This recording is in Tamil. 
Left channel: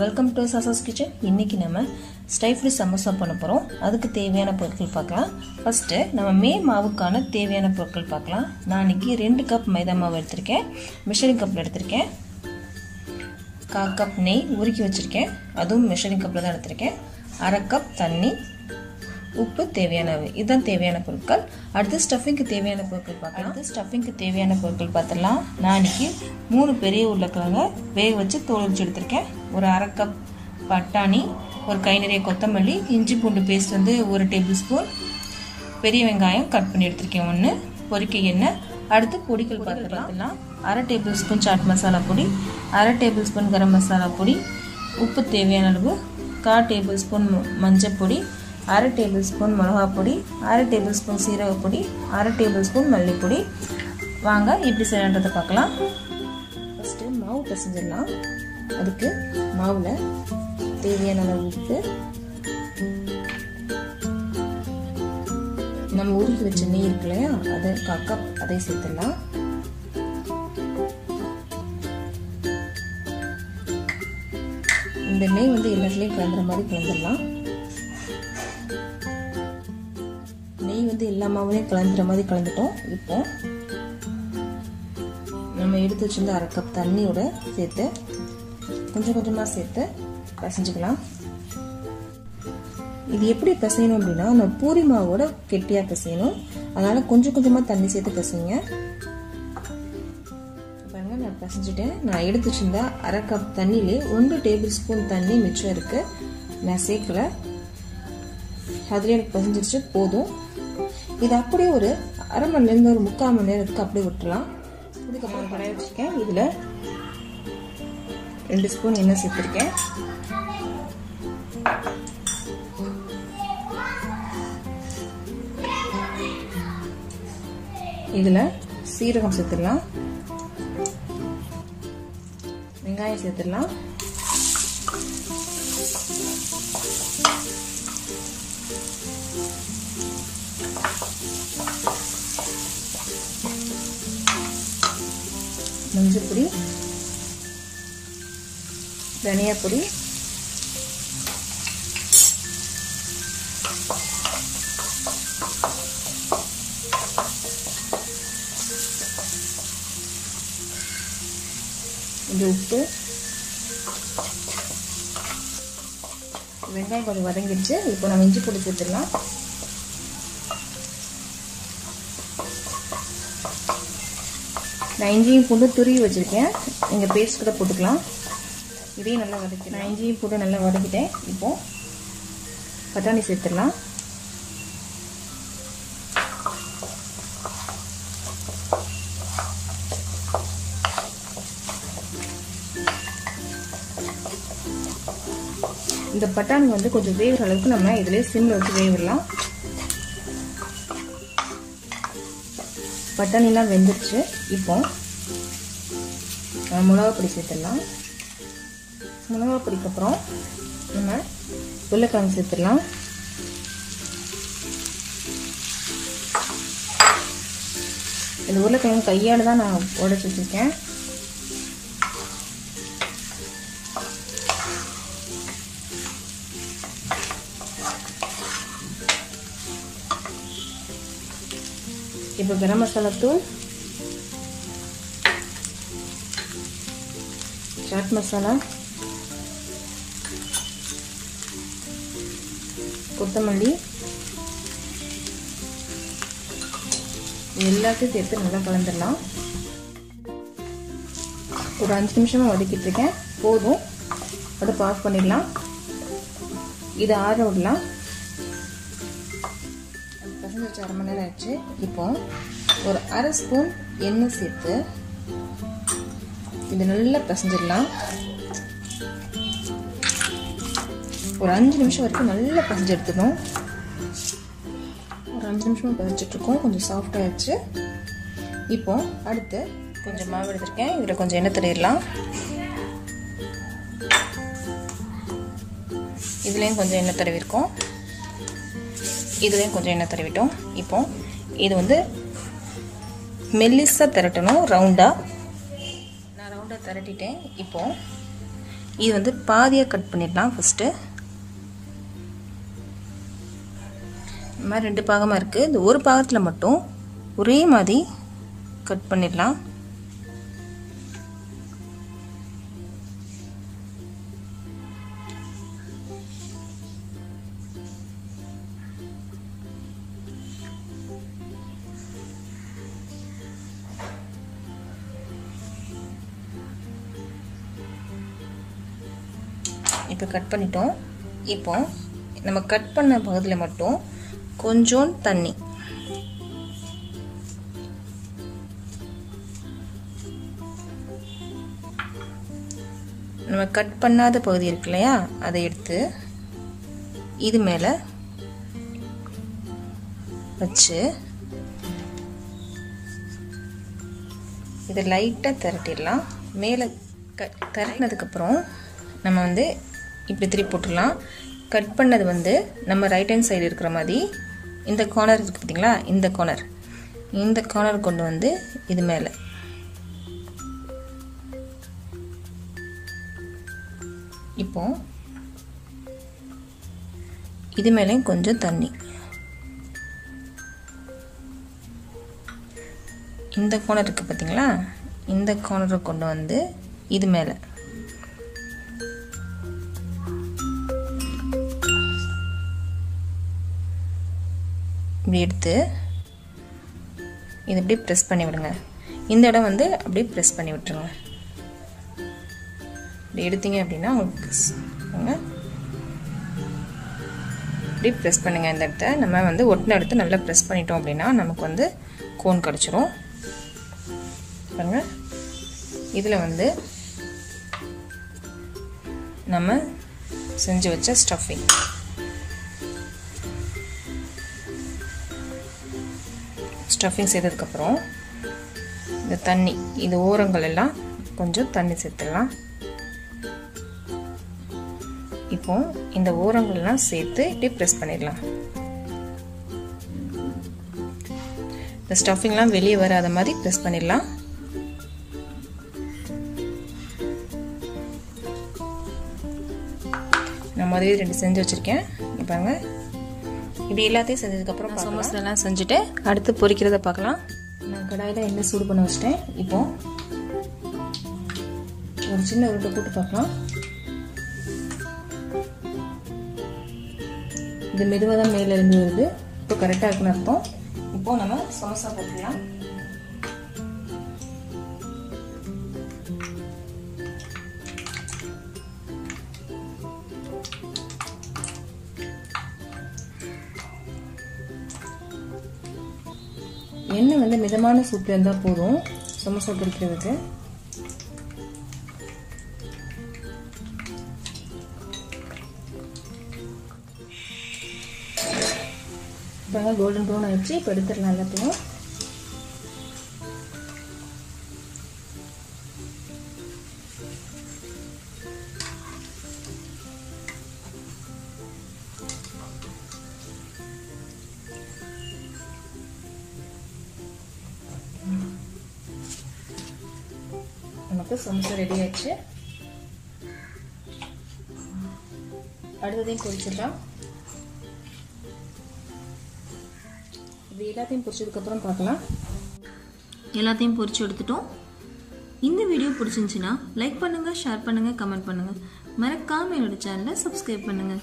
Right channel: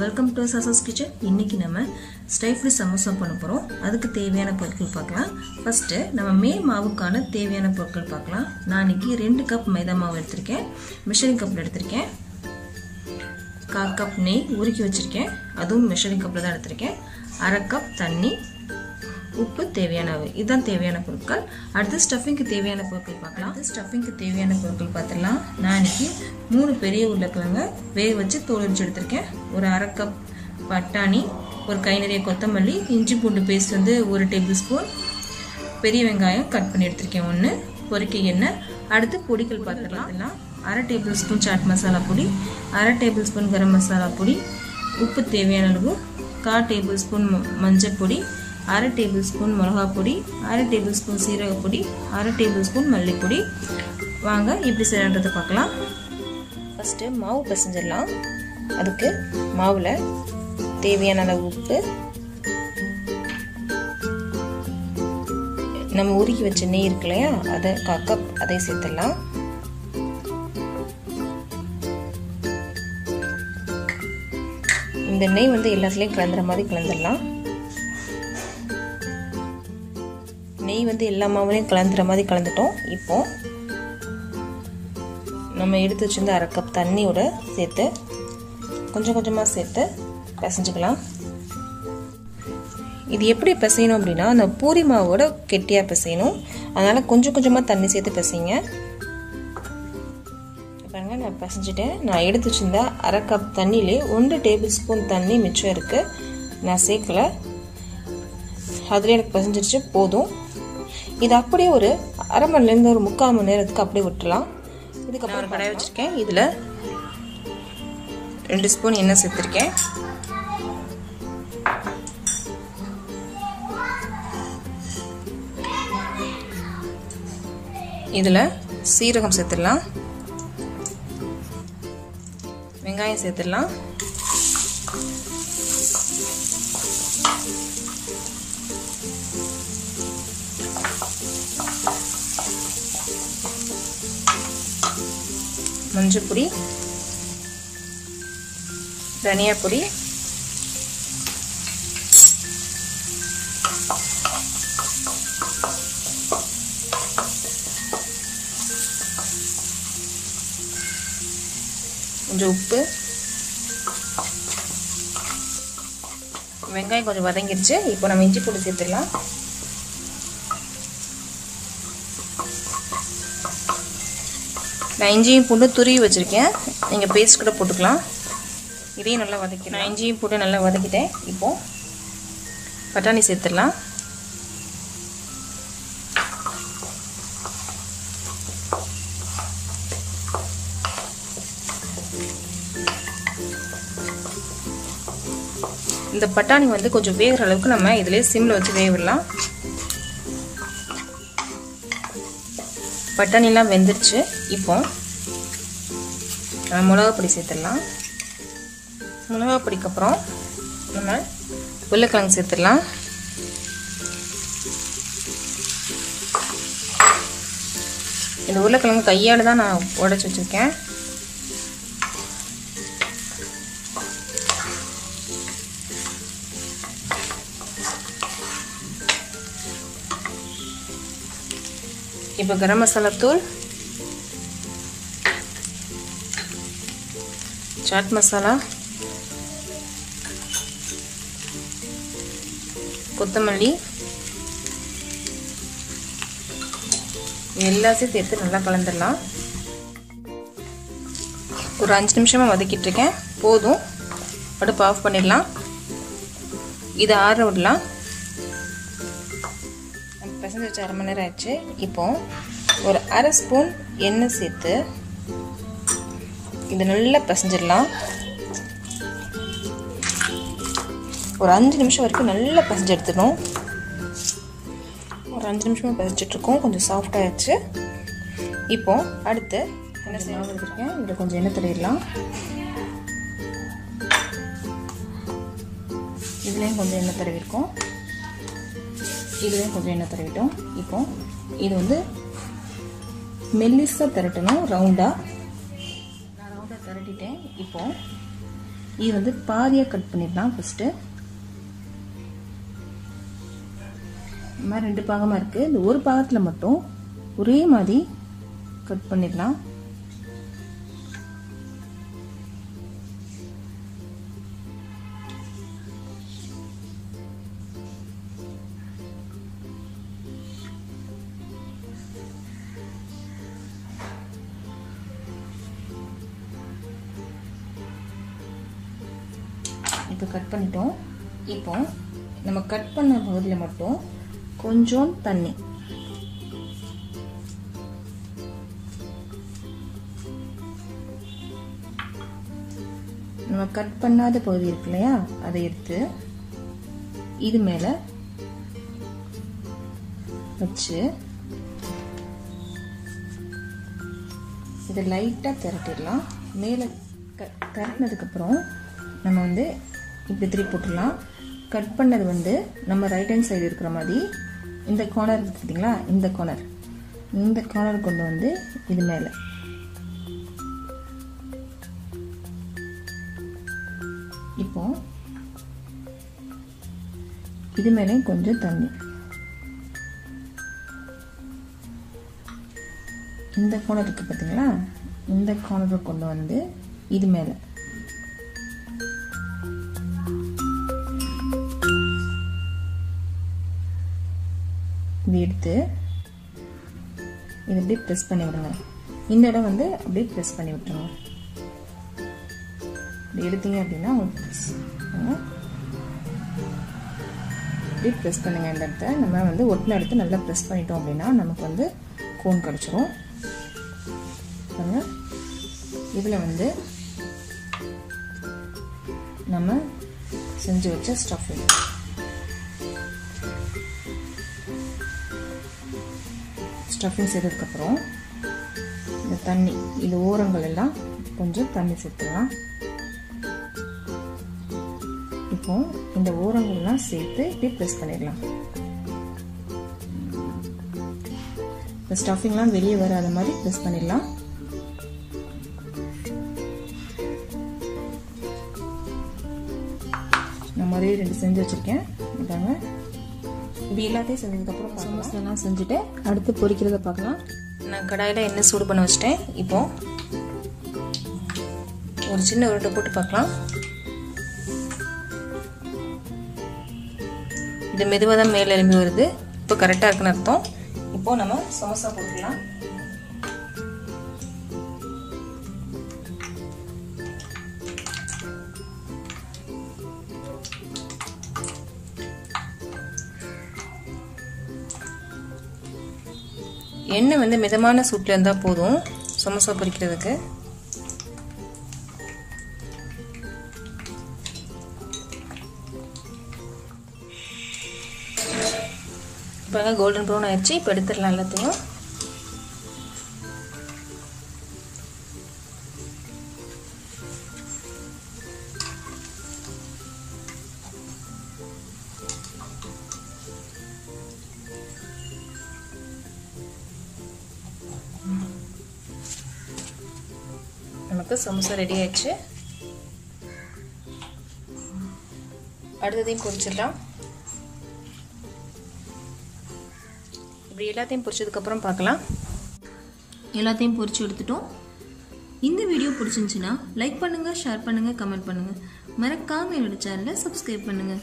Welcome to சாசாஸ் kitchen. இன்னைக்கு நம்ம ஸ்டைஃப்டு சமோசா பண்ண போறோம். அதுக்கு தேவையான பொருட்கள் பார்க்கலாம். ஃபர்ஸ்ட் நம்ம மாவுக்கான தேவையான பொருட்கள் பார்க்கலாம். நான் இன்னைக்கு 2 கப் மைதா மாவு எடுத்திருக்கேன். மெஷரிங் கப்ல எடுத்திருக்கேன். 1/4 கப் நெய் உருக்கி வச்சிருக்கேன். அதுவும் மெஷரிங் கப்ல தான் எடுத்திருக்கேன். 1/2 கப் தண்ணி, உப்பு தேவையானவை. இதுதான் தேவையான பொருட்கள். அடுத்து ஸ்டஃபிங்க்கு தேவையான பொருட்கள் பார்க்கலாம். ஸ்டஃபிங்க்கு தேவையான பொருட்கள் பார்த்தலாம். நான் இன்னைக்கு 3 பெரிய உருளைக்கிழங்க வேக வச்சு தோல் உரிச்சு எடுத்திருக்கேன். ஒரு 1/2 கப் பட்டாணி, ஒரு கை நிறைய கொத்தமல்லி, இஞ்சி பூண்டு பேஸ்ட் வந்து 1 டேபிள் ஸ்பூன், பெரிய வெங்காயம் கட் பண்ணி எடுத்திருக்கேன் 1, பொரிக்க எண்ணெய். அடுத்து பொடிகள் பார்த்துக்கலாம். 1/2 டேபிள் ஸ்பூன் சாட் மசாலா பொடி, 1/2 டேபிள் ஸ்பூன் கரம் மசாலா பொடி, உப்பு தேவையான அளவு, 1/4 டேபிள் ஸ்பூன் மஞ்சள் பொடி, 1/2 டேபிள் ஸ்பூன் மிளகா பொடி, 1/2 டேபிள் ஸ்பூன் சீரக பொடி, 1/2 டேபிள் ஸ்பூன் மல்லிப்பொடி. வாங்க எப்படி செய்யறதை பார்க்கலாம். ஃபர்ஸ்ட் மாவு பிசைஞ்சிடலாம். அதுக்கு மாவுல தேவையான அளவு உப்பு, நம்ம உருக்கி வச்ச நெய் இருக்கு இல்லையா, அதை 1/4 கப் அதை சேர்த்துடலாம். இந்த நெய் வந்து எல்லாத்துலயும் கலந்துற மாதிரி கலந்துடலாம். நெய் வந்து எல்லா மாவுலையும் கலந்துற மாதிரி கலந்துட்டோம். இப்போ நம்ம எடுத்து வச்சிருந்த 1/2 கப் தண்ணியோட சேர்த்து கொஞ்சம் கொஞ்சமாக சேர்த்து பிசைஞ்சுக்கலாம். இது எப்படி பிசையணும் அப்படின்னா, அந்த பூரி மாவோட கெட்டியாக பிசையணும். அதனால கொஞ்சம் கொஞ்சமாக தண்ணி சேர்த்து பிசைங்க. பாருங்க, நான் பிசைஞ்சிட்டேன். நான் எடுத்து வச்சிருந்த 1/2 கப் தண்ணியிலே 1 டேபிள் ஸ்பூன் தண்ணி மிச்சம் இருக்கு. நான் சேர்க்கல. அதுல எனக்கு பிசைஞ்சிருச்சு, போதும். இது அப்படியே ஒரு 1/2 மணி நேரம் ஒரு 3/4 மணி நேரத்துக்கு அப்படியே விட்டுலாம். இதுக்கப்புறம் ஒரு கடாய் வச்சிருக்கேன். இதுல 2 ஸ்பூன் எண்ணெய் சேர்த்திருக்கேன். இதுல சீரகம் சேர்த்துடலாம், வெங்காயம் சேர்த்துடலாம், மஞ்சள் பொடி, தனியா பொடி, கொஞ்சம் உப்பு. வெங்காயம் கொஞ்சம் வதங்கிடுச்சு. இப்போ நம்ம இஞ்சி பூண்டு சேர்த்துக்கலாம். நான் இஞ்சியும் பூண்டு துருவி வச்சிருக்கேன். நீங்க பேஸ்ட் கூட போட்டுக்கலாம். இதையும் நல்லா வதக்கிடலாம். நான் இஞ்சியும் பூண்டு நல்லா வதக்கிட்டேன். இப்போ பட்டாணி சேர்த்துடலாம். இந்த பட்டாணி வந்து கொஞ்சம் வேகிற அளவுக்கு நம்ம இதுல சிம்ல வச்சு வேக விடலாம். பட்டாணிலாம் வெந்துருச்சு. இப்போ மிளகா பொடி சேர்த்துடலாம். மிளகா பொடிக்கு அப்புறம் நம்ம உருளைக்கிழங்கு சேர்த்துடலாம். இந்த உருளைக்கிழங்கு கையால தான் நான் உடைச்சு வச்சிருக்கேன். இப்போ கரம் மசாலா தூள், சாட் மசாலா, கொத்தமல்லி எல்லாத்தையும் சேர்த்து நல்லா கலந்துடலாம். ஒரு 5 நிமிஷமா வதக்கிட்டு இருக்கேன். போதும், அடுப்பு ஆஃப் பண்ணிடலாம். இதை ஆற விடலாம். பிசைஞ்சு வச்சு 1/2 மணி நேரம் ஆச்சு. இப்போ ஒரு 1/2 ஸ்பூன் எண்ணெய் சேர்த்து இது நல்லா பிசைஞ்சிடலாம். ஒரு 5 நிமிஷம் வரைக்கும் நல்லா பிசைஞ்சு எடுத்துக்கணும். ஒரு 5 நிமிஷமா பிசைஞ்சிட்டு இருக்கோம். கொஞ்சம் சாஃப்ட் ஆயிடுச்சு. இப்போ அடுத்து கொஞ்சம் மாவு எடுத்திருக்கேன். இதில் கொஞ்சம் எண்ணெய் தடவிடலாம். இதுலேயும் கொஞ்சம் எண்ணெய் தடவிருக்கோம். இதுலேயும் கொஞ்சம் எண்ணெய் தடவிட்டோம். இப்போ இது வந்து மெல்லிசா திரட்டணும். ரவுண்டா நான் ரவுண்டா திரட்டிட்டேன். இப்போ இது வந்து பாதியாக கட் பண்ணிடலாம். ஃபஸ்ட்டு இந்த மாதிரி 2 பாகமாக இருக்குது. இந்த ஒரு பாகத்தில் மட்டும் ஒரே மாதிரி கட் பண்ணிடலாம். இப்போ கட் பண்ணிட்டோம். இப்போ நம்ம கட் பண்ண பகுதியில் மட்டும் கொஞ்சம் தண்ணி, நம்ம கட் பண்ணாத பகுதி இருக்கு இல்லையா, அதை எடுத்து இது மேலே வச்சு இதை லைட்டாக திரட்டிடலாம். மேலே திரட்டினதுக்கப்புறம் நம்ம வந்து இப்படி திருப்பி போட்டுடலாம். கட் பண்ணது வந்து நம்ம ரைட் ஹேண்ட் சைடு இருக்கிற மாதிரி இந்த கார்னர் இருக்குது பார்த்தீங்களா, இந்த கார்னர் கொண்டு வந்து இது மேலே இப்போ இது மேலேயும் கொஞ்சம் தண்ணி, இந்த கார்னர் இருக்குது பார்த்தீங்களா, இந்த கார்னரை கொண்டு வந்து இது மேலே இப்படி எடுத்து இது இப்படி ப்ரெஸ் பண்ணி விடுங்க. இந்த இடம் வந்து அப்படியே ப்ரெஸ் பண்ணி விட்டுருங்க. இப்படி எடுத்தீங்க அப்படின்னா உங்களுக்கு இப்படி ப்ரெஸ் பண்ணுங்க. இந்த இடத்த நம்ம வந்து ஒட்டின எடுத்து நல்லா ப்ரெஸ் பண்ணிட்டோம் அப்படின்னா நமக்கு வந்து கோன் கிடச்சிரும். பாருங்க, இதில் வந்து நம்ம செஞ்சு வச்ச ஸ்டஃபிங் செய்ததுக்கப்புறம் இந்த தண்ணி, இந்த ஓரங்கள் எல்லாம் கொஞ்சம் தண்ணி சேர்த்துடலாம். இப்போ இந்த ஓரங்கள் எல்லாம் சேர்த்து இப்படி ப்ரெஸ் பண்ணிடலாம். இந்த ஸ்டஃபிங்லாம் வெளியே வராத மாதிரி ப்ரெஸ் பண்ணிடலாம். நான் முதல்ல 2 செஞ்சு வச்சிருக்கேன். பாருங்க, இப்படி எல்லாத்தையும் செஞ்சதுக்கப்புறம் சமோசாலாம் செஞ்சுட்டு அடுத்து பொரிக்கிறத பார்க்கலாம். நான் கடாயில் எண்ணெய் சூடு பண்ண வச்சுட்டேன். இப்போ ஒரு சின்ன உருண்டை போட்டு பார்க்கலாம். இது மெதுவாக தான் மேலே எழும்பி வருது. இப்போ கரெக்டாக இருக்குன்னு அர்த்தம். இப்போ நம்ம சமோசா போட்டுக்கலாம். எண்ணெய் வந்து மிதமான சூட்டில் இருந்தால் போதும் சமோசா பொரிக்கிறதுக்கு. இப்போ கோல்டன் ப்ரௌன் ஆயிடுச்சு. இப்போ எடுத்துடலாம் எல்லாத்தையும். நமக்கு சமோசா ரெடி ஆயிடுச்சு. அடுத்ததையும் பொரிச்சிடலாம். இப்படி எல்லாத்தையும் பொரிச்சதுக்கப்புறம் பார்க்கலாம். எல்லாத்தையும் பொரிச்சு எடுத்துட்டோம். இந்த வீடியோ பிடிச்சிருந்துச்சுன்னா லைக் பண்ணுங்கள், ஷேர் பண்ணுங்கள், கமெண்ட் பண்ணுங்கள். மறக்காமல் என்னோட சேனலை சப்ஸ்கிரைப் பண்ணுங்கள்.